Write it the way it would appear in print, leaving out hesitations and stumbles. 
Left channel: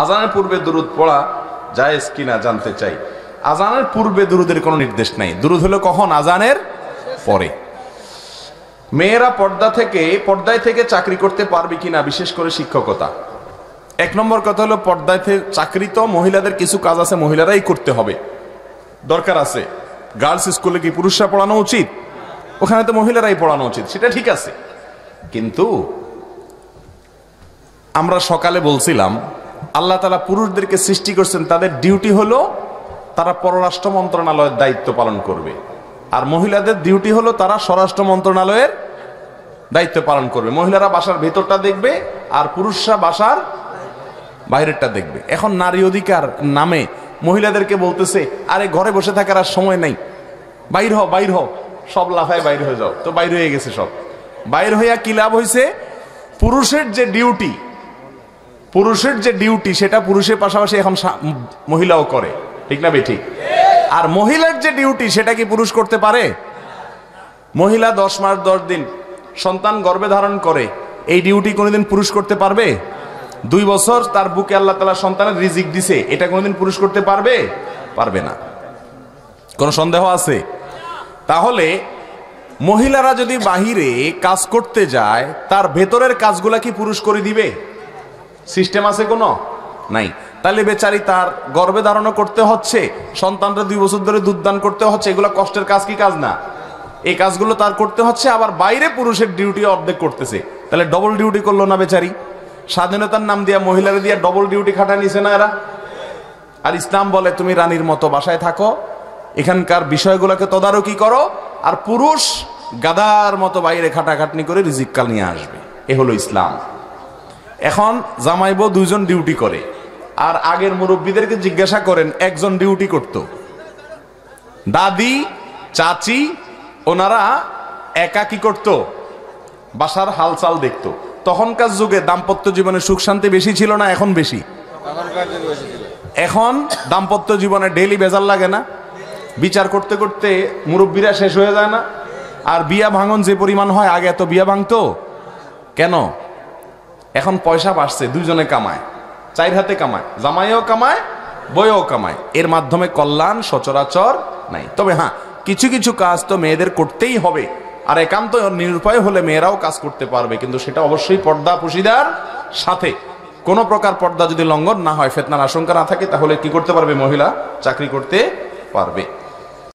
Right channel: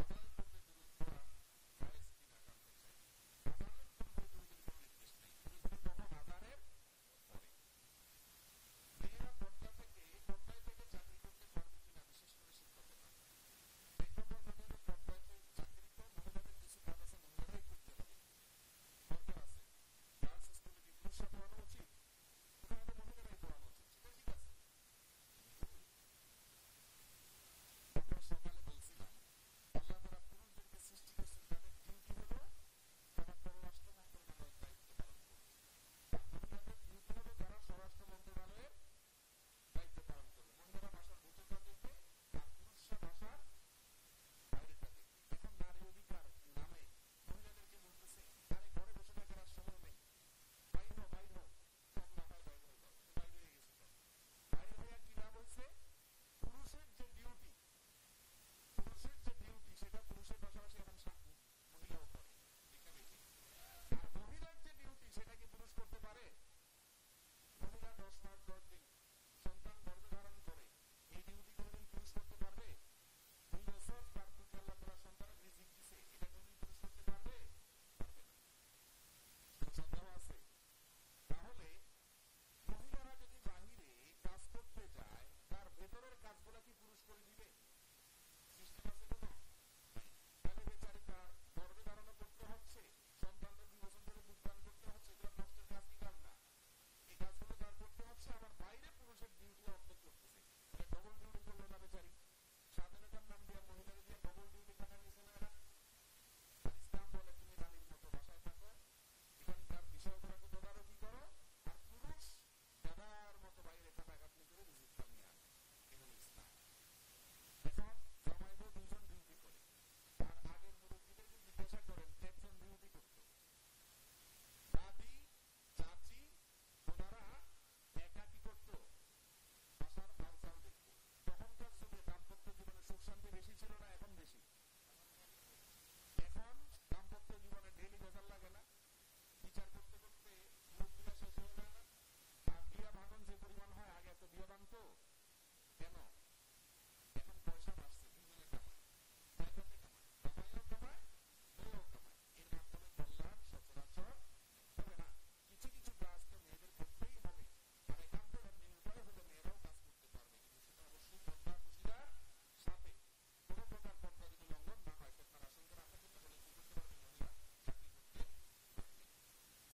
আজানের পূর্বে দুরুদ পড়া জায়েজ কিনা জানতে চাই। আজানের পূর্বে দুরুদের কোনো নির্দেশ নাই, দুরুদ হলো কখন? আজানের পরে। মেয়েরা পর্দায় থেকে চাকরি করতে পারবে কিনা, বিশেষ করে শিক্ষকতা। এক নম্বর কথা হলো, পর্দায় থেকে চাকরি তো মহিলাদের কিছু কাজ আছে মহিলারাই করতে হবে, দরকার আছে। গার্লস স্কুলে কি পুরুষরা পড়ানো উচিত? ওখানে তো মহিলারাই পড়ানো উচিত, সেটা ঠিক আছে। কিন্তু আমরা সকালে বলছিলাম আল্লাহ তাআলা পুরুষদেরকে সৃষ্টি করছেন, তাদের ডিউটি হলো তারা পররাষ্ট্র মন্ত্রণালয়ের দায়িত্ব পালন করবে, আর মহিলাদের ডিউটি হলো তারা স্বরাষ্ট্র মন্ত্রণালয়ের দায়িত্ব পালন করবে। মহিলারা বাসার ভেতরটা দেখবে আর পুরুষরা বাসার বাইরেরটা দেখবে। এখন নারী অধিকার নামে মহিলাদেরকে বলতেছে, আরে ঘরে বসে থাকার আর সময় নাই, বাইর হও, সব লাফায় বাইর হয়ে যাও। তো বাইর হয়ে গেছে সব। বাইর হইয়া কি লাভ হয়েছে? পুরুষের যে ডিউটি সেটা পুরুষের পাশাপাশি এখন মহিলাও করে, ঠিক না বেঠিক? আর মহিলার যে ডিউটি সেটা কি পুরুষ করতে পারে? মহিলা 10 মাস 10 দিন সন্তান গর্ভে ধারণ করে, এই ডিউটি কোনোদিন পুরুষ করতে পারবে? 2 বছর তার বুকে আল্লাহ তাআলা সন্তানের রিজিক দিছে, এটা কোনোদিন পুরুষ করতে পারবে? পারবে না। কোন সন্দেহ আছে? তাহলে মহিলারা যদি বাহিরে কাজ করতে যায়, তার ভেতরের কাজগুলা কি পুরুষ করে দিবে? সিস্টেম আছে কোনো? নাই। তাহলে বেচারি তার গর্ভে ধারণও করতে হচ্ছে, সন্তানরা 2 বছর ধরে দুধ দান করতে হচ্ছে, এগুলো কষ্টের কাজ কি কাজ না? এই কাজগুলো তার করতে হচ্ছে, আবার বাইরে পুরুষের ডিউটি অর্ধেক করতেছে। তাহলে ডবল ডিউটি করলো না বেচারি? স্বাধীনতার নাম দিয়া মহিলারা দিয়া ডবল ডিউটি খাটা নিছে না এরা? আর ইসলাম বলে তুমি রানীর মতো বাসায় থাকো, এখানকার বিষয়গুলোকে তদারকি করো, আর পুরুষ গাদার মতো বাইরে খাটাখাটনি করে রিজিক কাল নিয়ে আসবে। এ হলো ইসলাম। এখন জামাই বউ 2 জন ডিউটি করে, আর আগের মুরব্বীদেরকে জিজ্ঞাসা করেন, একজন ডিউটি করত, দাদি চাচি ওনারা একা কি করত? বাসার হালচাল দেখতো। তখনকার যুগে দাম্পত্য জীবনে সুখ শান্তি বেশি ছিল না এখন বেশি? এখন দাম্পত্য জীবনে ডেইলি বেজার লাগে না? বিচার করতে করতে মুরব্বীরা শেষ হয়ে যায় না? আর বিয়া ভাঙন যে পরিমাণ হয়, আগে এত বিয়া ভাঙতো কেন? এখন পয়সা বাড়ছে, 2 জনে কামায়, 4 হাতে কামায়, জামাইও কামায় বইও কামায়, এর মাধ্যমে কল্যাণ সচরাচর নাই। তবে হ্যাঁ, কিছু কিছু কাজ তো মেয়েদের করতেই হবে, আর একান্ত নিরুপায় হলে মেয়েরাও কাজ করতে পারবে, কিন্তু সেটা অবশ্যই পর্দা পুশিদার সাথে। কোন প্রকার পর্দা যদি লঙ্ঘন না হয়, ফিতনার আশঙ্কা না থাকে, তাহলে কি করতে পারবে? মহিলা চাকরি করতে পারবে।